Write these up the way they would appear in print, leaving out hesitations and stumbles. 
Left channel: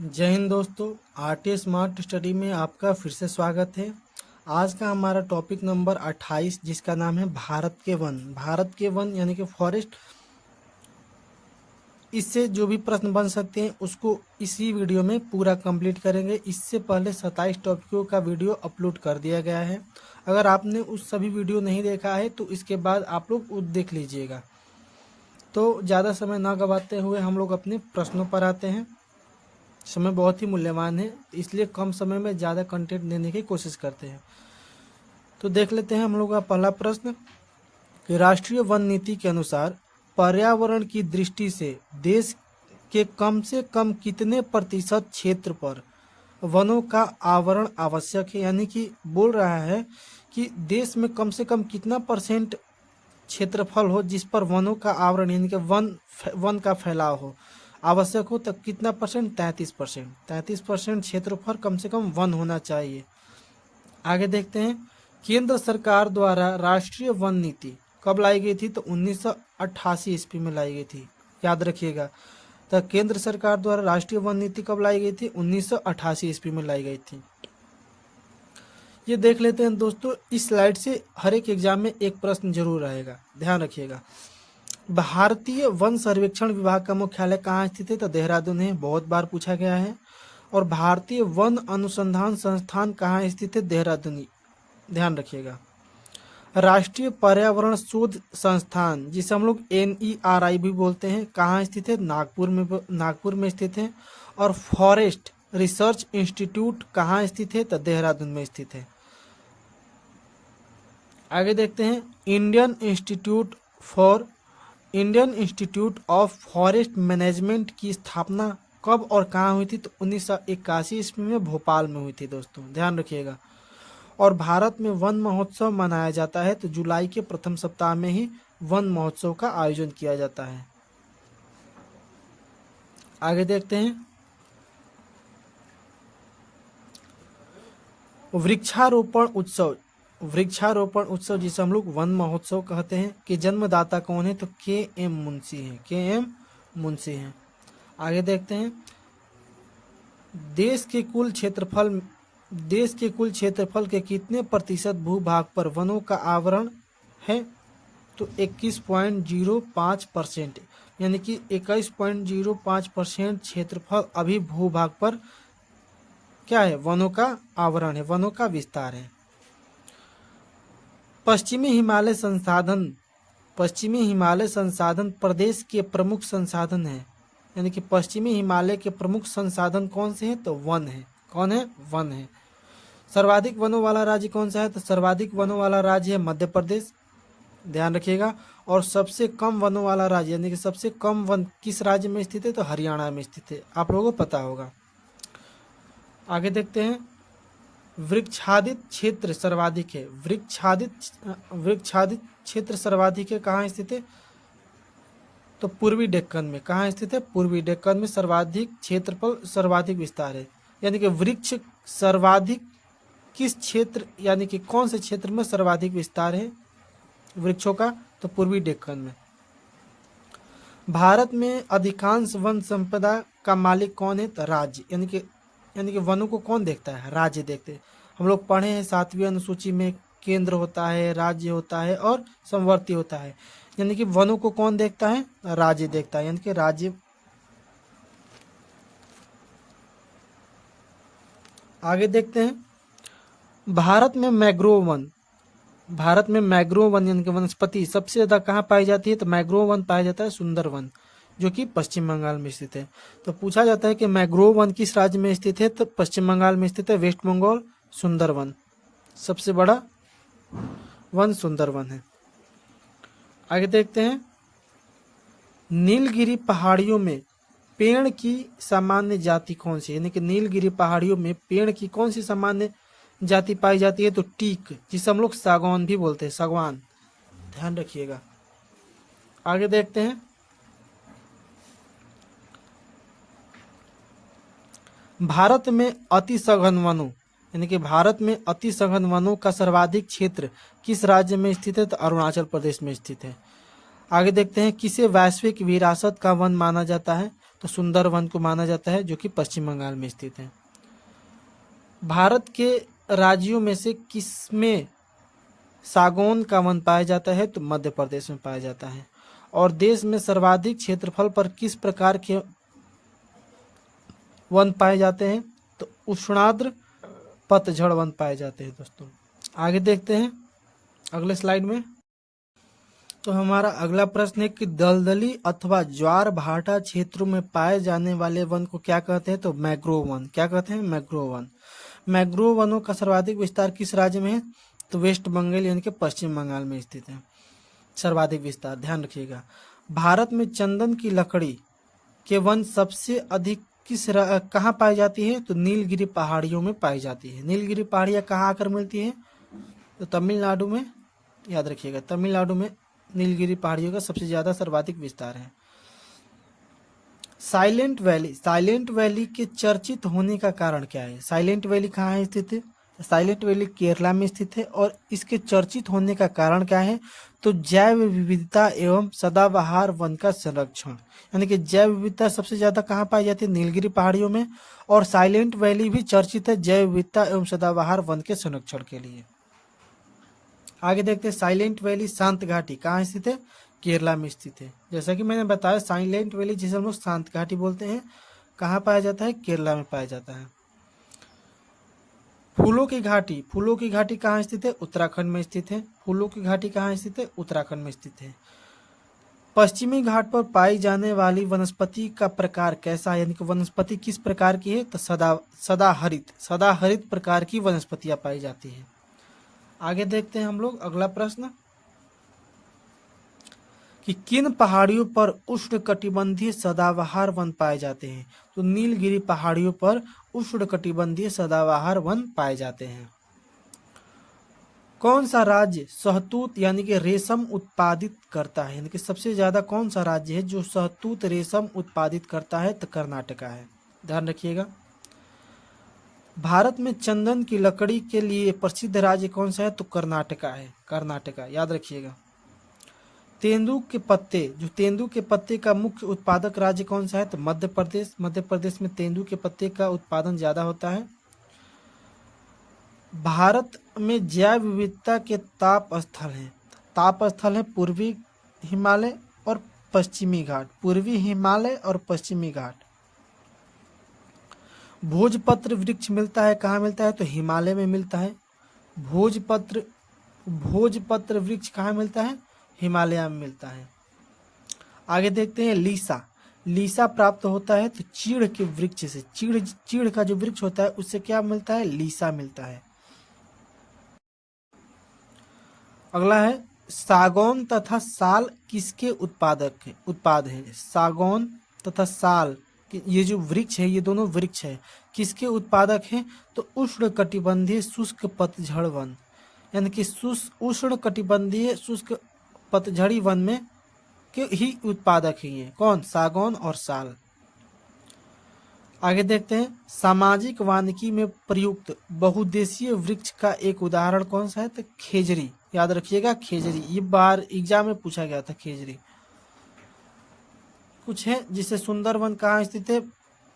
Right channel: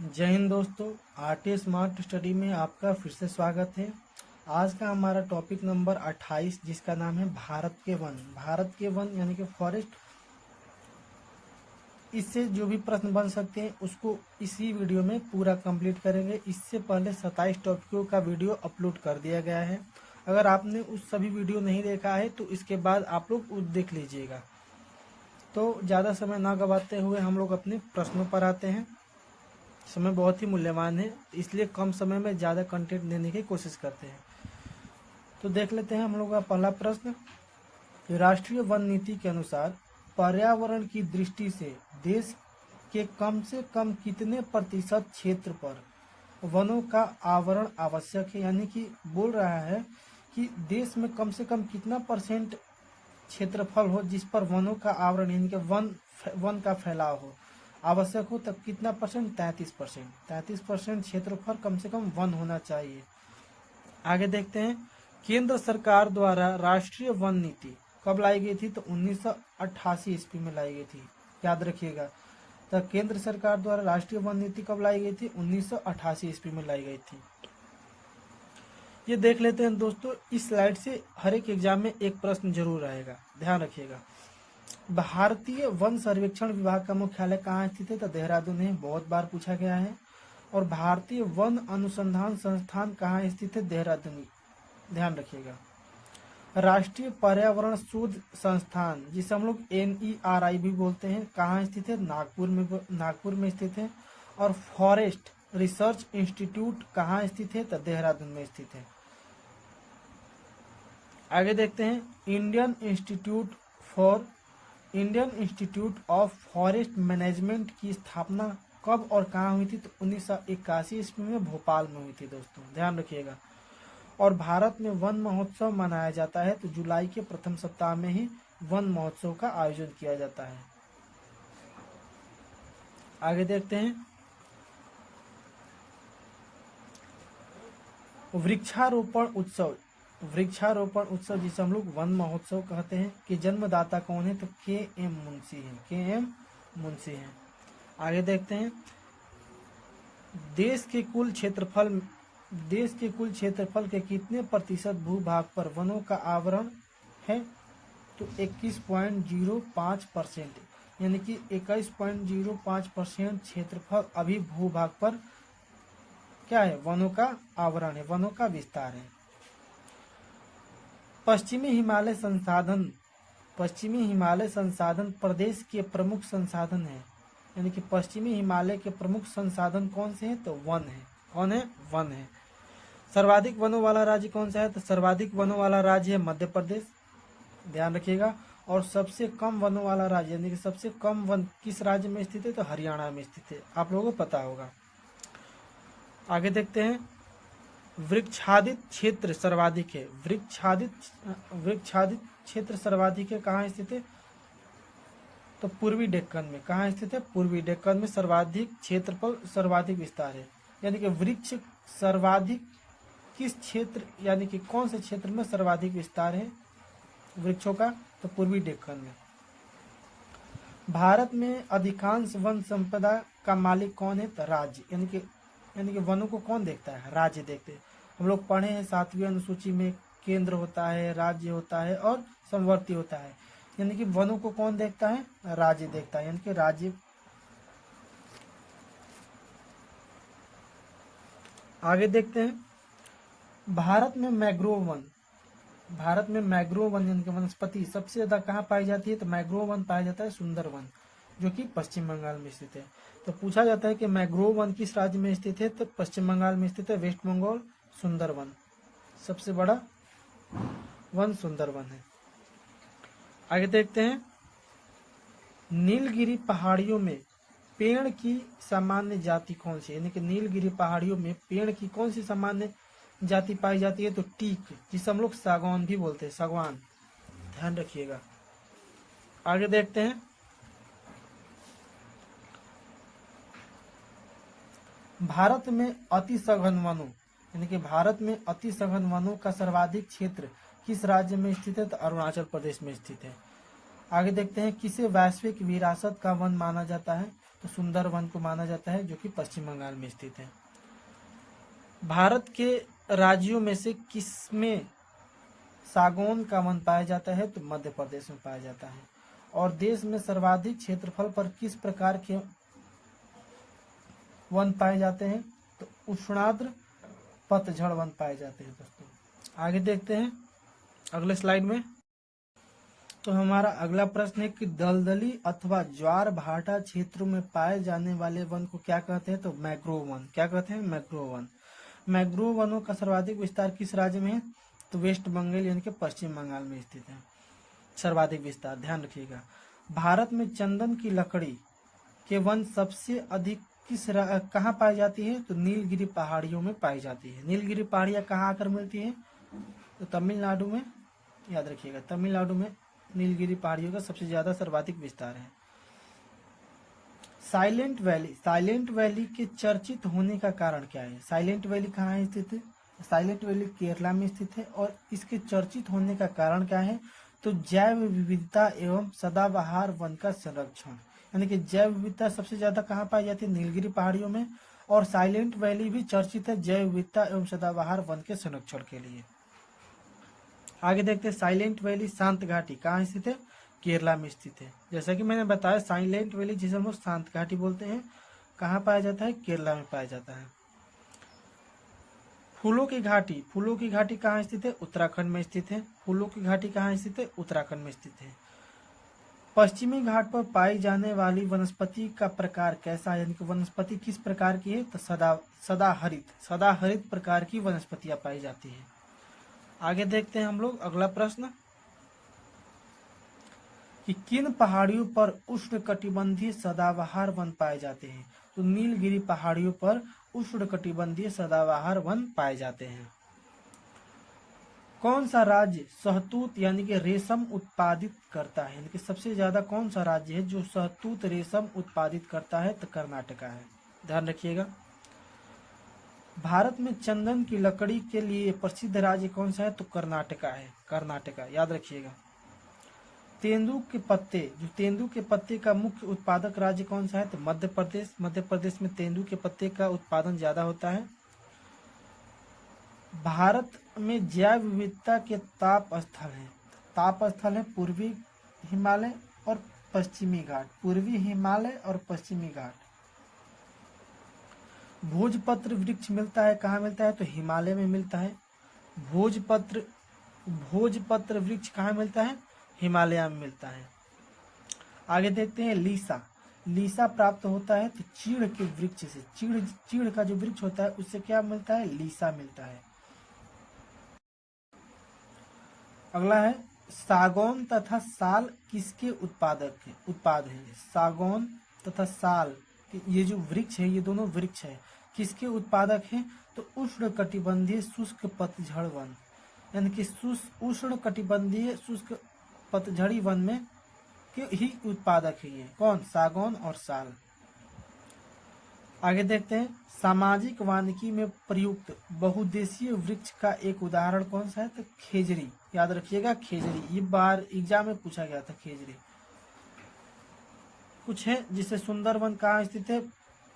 जय हिंद दोस्तों। RT smart study में आपका फिर से स्वागत है। आज का हमारा टॉपिक नंबर 28 जिसका नाम है भारत के वन। भारत के वन यानी कि फॉरेस्ट। इससे जो भी प्रश्न बन सकते हैं उसको इसी वीडियो में पूरा कंप्लीट करेंगे। इससे पहले 27 टॉपिकों का वीडियो अपलोड कर दिया गया है। अगर आपने उस सभी वीडियो नहीं देखा है तो इसके बाद आप लोग देख लीजिएगा। तो ज़्यादा समय ना गवाते हुए हम लोग अपने प्रश्नों पर आते हैं। समय बहुत ही मूल्यवान है, इसलिए कम समय में ज़्यादा कंटेंट देने की कोशिश करते हैं। तो देख लेते हैं हम लोग का पहला प्रश्न कि राष्ट्रीय वन नीति के अनुसार पर्यावरण की दृष्टि से देश के कम से कम कितने प्रतिशत क्षेत्र पर वनों का आवरण आवश्यक है। यानी कि बोल रहा है कि देश में कम से कम कितना परसेंट क्षेत्रफल हो जिस पर वनों का आवरण यानी कि वन का फैलाव हो आवश्यक हो। तब कितना परसेंट? 33%। 33% क्षेत्रफल कम से कम वन होना चाहिए। आगे देखते हैं, केंद्र सरकार द्वारा राष्ट्रीय वन नीति कब लाई गई थी? तो 1988 ईस्वी में लाई गई थी, याद रखिएगा। तो केंद्र सरकार द्वारा राष्ट्रीय वन नीति कब लाई गई थी? 1988 ईस्वी में लाई गई थी। ये देख लेते हैं दोस्तों। इस स्लाइड से हर एक एग्जाम में एक प्रश्न जरूर आएगा, ध्यान रखिएगा। भारतीय वन सर्वेक्षण विभाग का मुख्यालय कहाँ स्थित है? तो देहरादून है, बहुत बार पूछा गया है। और भारतीय वन अनुसंधान संस्थान कहाँ स्थित है? देहरादून, ध्यान रखिएगा। राष्ट्रीय पर्यावरण शोध संस्थान जिसे हम लोग NERI भी बोलते हैं, कहाँ स्थित है? नागपुर में स्थित है। और फॉरेस्ट रिसर्च इंस्टीट्यूट कहाँ स्थित है? तो देहरादून में स्थित है। आगे देखते हैं, Indian institute of forest management की स्थापना कब और कहाँ हुई थी? तो 1981 ईस्वी में भोपाल में हुई थी दोस्तों, ध्यान रखिएगा। और भारत में वन महोत्सव मनाया जाता है तो जुलाई के प्रथम सप्ताह में ही वन महोत्सव का आयोजन किया जाता है। आगे देखते हैं, वृक्षारोपण उत्सव जिसे हम लोग वन महोत्सव कहते हैं, कि जन्मदाता कौन है? तो KM मुंशी हैं। आगे देखते हैं, देश के कुल क्षेत्रफल के कितने प्रतिशत भूभाग पर वनों का आवरण है? तो 21.05%। यानी कि 21.05% क्षेत्रफल अभी भूभाग पर क्या है? वनों का आवरण है, वनों का विस्तार है। पश्चिमी हिमालय संसाधन प्रदेश के प्रमुख संसाधन है। यानी कि पश्चिमी हिमालय के प्रमुख संसाधन कौन से हैं? तो वन है। कौन है? वन है। सर्वाधिक वनों वाला राज्य कौन सा है? तो सर्वाधिक वनों वाला राज्य है मध्य प्रदेश, ध्यान रखिएगा। और सबसे कम वनों वाला राज्य यानी कि सबसे कम वन किस राज्य में स्थित है? तो हरियाणा में स्थित है, आप लोगों को पता होगा। आगे देखते हैं, वृक्षादित क्षेत्र सर्वाधिक है। वृक्षादित क्षेत्र सर्वाधिक है, कहाँ स्थित है? तो पूर्वी डेक्कन में। कहाँ स्थित है? पूर्वी डेक्कन में सर्वाधिक क्षेत्रफल, सर्वाधिक विस्तार है। यानी कि वृक्ष सर्वाधिक किस क्षेत्र यानी कि कौन से क्षेत्र में सर्वाधिक विस्तार है वृक्षों का? तो पूर्वी डेक्कन में। भारत में अधिकांश वन संपदा का मालिक कौन है? तो राज्य, यानी कि वनों को कौन देखता है? राज्य देखते हैं। हम लोग पढ़े हैं 7वीं अनुसूची में, केंद्र होता है, राज्य होता है और समवर्ती होता है। यानी कि वनों को कौन देखता है? राज्य देखता है, यानी कि राज्य। आगे देखते हैं, भारत में मैग्रोव वन यानी कि वनस्पति सबसे ज्यादा कहाँ पाई जाती है? तो मैग्रोव वन पाया जाता है सुंदरवन, जो कि पश्चिम बंगाल में स्थित है। तो पूछा जाता है कि मैग्रोव वन किस राज्य में स्थित है? तो पश्चिम बंगाल में स्थित है, वेस्ट बंगाल। सुंदरवन सबसे बड़ा वन सुंदरवन है। आगे देखते हैं, नीलगिरी पहाड़ियों में पेड़ की सामान्य जाति कौन सी? यानी कि नीलगिरी पहाड़ियों में पेड़ की कौन सी सामान्य जाति पाई जाती है? तो टीक, जिसे हम लोग सागौन भी बोलते हैं, सागवान, ध्यान रखिएगा। आगे देखते हैं, भारत में अति सघन वनों यानी कि भारत में अति सघन वनों का सर्वाधिक क्षेत्र किस राज्य में स्थित है? तो अरुणाचल प्रदेश में स्थित है। आगे देखते हैं, किसे वैश्विक विरासत का वन माना जाता है? तो सुंदरवन को माना जाता है, जो कि पश्चिम बंगाल में स्थित है। भारत के राज्यों में से किसमें सागौन का वन पाया जाता है? तो मध्य प्रदेश में पाया जाता है। और देश में सर्वाधिक क्षेत्रफल पर किस प्रकार के वन पाए जाते हैं? तो उष्णार्द्र पतझड़ वन पाए जाते हैं। दोस्तों आगे देखते हैं अगले स्लाइड में। तो हमारा अगला प्रश्न है कि दलदली अथवा ज्वार भाटा क्षेत्रों में पाए जाने वाले वन को क्या कहते हैं? तो मैंग्रोव वन। क्या कहते हैं? Mangrove one. मैंग्रोव वनों का सर्वाधिक विस्तार किस राज्य में है? तो वेस्ट बंगाल यानी कि पश्चिम बंगाल में स्थित है सर्वाधिक विस्तार। ध्यान रखिएगा। भारत में चंदन की लकड़ी के वन सबसे अधिक कहाँ पाई जाती है? तो नीलगिरी पहाड़ियों में पाई जाती है। नीलगिरी पहाड़ियाँ कहाँ आकर मिलती है? तो तमिलनाडु में। याद रखिएगा, तमिलनाडु में नीलगिरी पहाड़ियों का सबसे ज़्यादा सर्वाधिक विस्तार है। Silent valley. साइलेंट वैली के चर्चित होने का कारण क्या है? साइलेंट वैली कहाँ है स्थित है? साइलेंट वैली केरला में स्थित है। और इसके चर्चित होने का कारण क्या है? तो जैव विविधता एवं सदाबहार वन का संरक्षण। यानी कि जैव विविधता सबसे ज़्यादा कहाँ पाई जाती है? नीलगिरी पहाड़ियों में। और साइलेंट वैली भी चर्चित है जैव विविधता एवं सदाबहार वन के संरक्षण के लिए। आगे देखते हैं साइलेंट वैली शांत घाटी कहाँ स्थित है? केरला में स्थित है। जैसा कि मैंने बताया साइलेंट वैली जिसे हम लोग शांत घाटी बोलते हैं, कहाँ पाया जाता है? केरला में पाया जाता है। फूलों की घाटी। फूलों की घाटी कहाँ स्थित है? उत्तराखंड में स्थित है। फूलों की घाटी कहाँ स्थित है? उत्तराखंड में स्थित है। पश्चिमी घाट पर पाई जाने वाली वनस्पति का प्रकार कैसा है? यानी कि वनस्पति किस प्रकार की है? तो सदाहरित प्रकार की वनस्पतियां पाई जाती है। आगे देखते हैं हम लोग अगला प्रश्न कि किन पहाड़ियों पर उष्णकटिबंधीय सदाबहार वन पाए जाते हैं? तो नीलगिरी पहाड़ियों पर उष्णकटिबंधीय सदाबहार वन पाए जाते हैं। कौन सा राज्य शहतूत यानी कि रेशम उत्पादित करता है? यानी कि सबसे ज्यादा कौन सा राज्य है जो शहतूत रेशम उत्पादित करता है? तो कर्नाटका है। ध्यान रखिएगा। भारत में चंदन की लकड़ी के लिए प्रसिद्ध राज्य कौन सा है? तो कर्नाटका है। कर्नाटका याद रखिएगा। तेंदू के पत्ते, जो तेंदू के पत्ते का मुख्य उत्पादक राज्य कौन सा है? तो मध्य प्रदेश। मध्य प्रदेश में तेंदू के पत्ते का उत्पादन ज्यादा होता है। भारत में जैव विविधता के ताप स्थल हैं। ताप स्थल है पूर्वी हिमालय और पश्चिमी घाट। पूर्वी हिमालय और पश्चिमी घाट। भोजपत्र वृक्ष मिलता है कहाँ मिलता है? तो हिमालय में मिलता है। भोजपत्र वृक्ष कहाँ मिलता है? हिमालय में मिलता है। आगे देखते हैं लीसा। लीसा प्राप्त होता है तो चीड़ के वृक्ष से। चीड़ का जो वृक्ष होता है उससे क्या मिलता है? लीसा मिलता है। अगला है सागौन तथा साल किसके उत्पाद है? सागौन तथा साल ये जो वृक्ष है, ये दोनों वृक्ष है, किसके उत्पादक हैं? तो उष्णकटिबंधीय शुष्क पतझड़ वन। यानी कि उष्णकटिबंधीय शुष्क पतझड़ी वन में के ही उत्पादक ही है। कौन? सागौन और साल। आगे देखते हैं सामाजिक वानिकी में प्रयुक्त बहुउद्देशीय वृक्ष का एक उदाहरण कौन सा है? तो खेजरी। याद रखिएगा खेजरी, ये बार एग्जाम में पूछा गया था खेजरी। कुछ है जिसे सुंदरवन कहाँ स्थित है?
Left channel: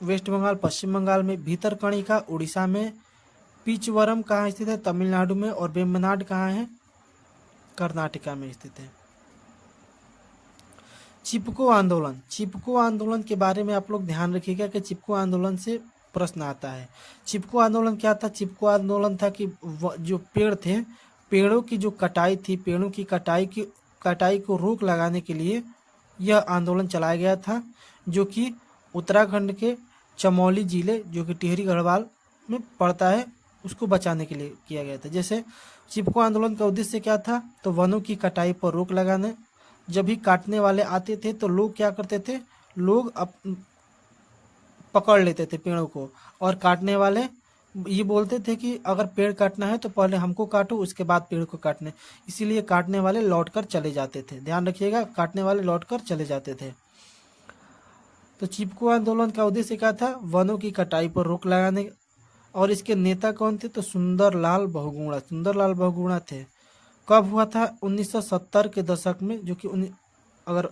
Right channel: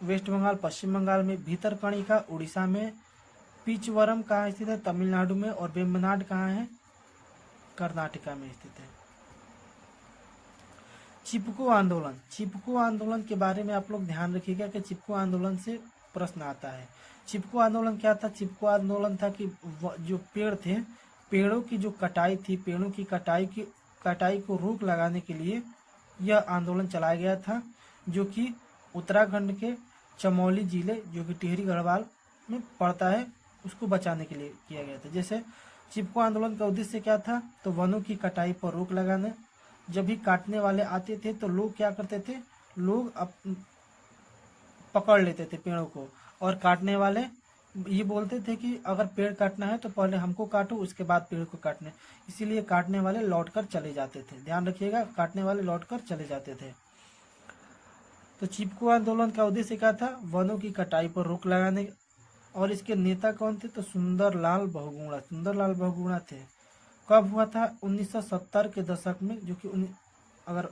वेस्ट बंगाल पश्चिम बंगाल में। भीतरकणिका उड़ीसा में। पीचवरम कहाँ स्थित है? तमिलनाडु में। और वेम्बनाड कहाँ है? कर्नाटका में स्थित है। चिपको आंदोलन। चिपको आंदोलन के बारे में आप लोग ध्यान रखिएगा कि चिपको आंदोलन से प्रश्न आता है। चिपको आंदोलन क्या था? चिपको आंदोलन था कि जो पेड़ थे, पेड़ों की जो कटाई थी, पेड़ों की कटाई को रोक लगाने के लिए यह आंदोलन चलाया गया था, जो कि उत्तराखंड के चमोली जिले जो कि टिहरी गढ़वाल में पड़ता है उसको बचाने के लिए किया गया था। जैसे चिपको आंदोलन का उद्देश्य क्या था? तो वनों की कटाई पर रोक लगाना। जब भी काटने वाले आते थे तो लोग क्या करते थे? लोग पकड़ लेते थे पेड़ों को, और काटने वाले ये बोलते थे कि अगर पेड़ काटना है तो पहले हमको काटो, उसके बाद पेड़ को काटने। इसीलिए काटने वाले लौटकर चले जाते थे। ध्यान रखिएगा, काटने वाले लौटकर चले जाते थे। तो चिपको आंदोलन का उद्देश्य क्या था? वनों की कटाई पर रोक लगाने। और इसके नेता कौन थे? तो सुंदरलाल बहुगुणा। सुंदरलाल बहुगुणा थे। कब हुआ था? 1970 के दशक में, जो कि अगर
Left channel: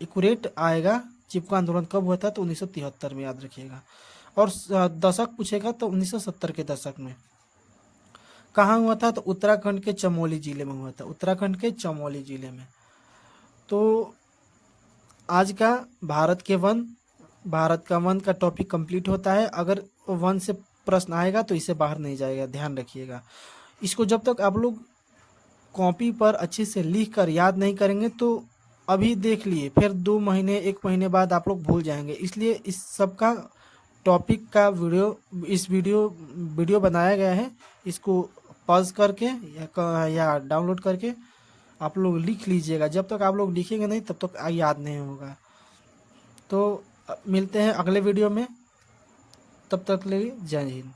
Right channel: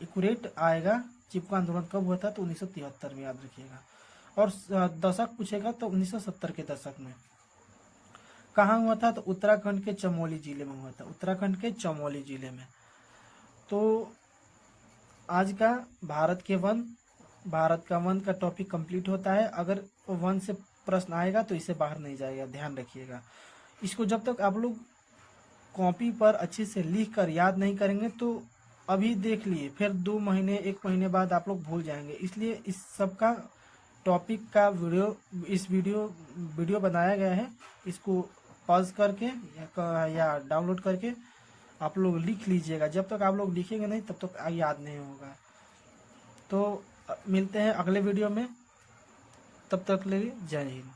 एक्यूरेट आएगा चिपको आंदोलन कब हुआ था, तो 1973 में, याद रखिएगा। और दशक पूछेगा तो 1970 के दशक में। कहाँ हुआ था, तो उत्तराखंड के चमोली जिले में हुआ था, उत्तराखंड के चमोली जिले में। तो आज का भारत का वन का टॉपिक कंप्लीट होता है। अगर वन से प्रश्न आएगा तो इसे बाहर नहीं जाएगा, ध्यान रखिएगा। इसको जब तक आप लोग कॉपी पर अच्छे से लिख कर याद नहीं करेंगे तो अभी देख लिए, फिर 2 महीने 1 महीने बाद आप लोग भूल जाएंगे। इसलिए इस सब का टॉपिक का वीडियो बनाया गया है। इसको पॉज करके या डाउनलोड करके आप लोग लिख लीजिएगा। जब तक आप लोग लिखेंगे नहीं तब तक याद नहीं होगा। तो मिलते हैं अगले वीडियो में, तब तक के लिए जय हिंद।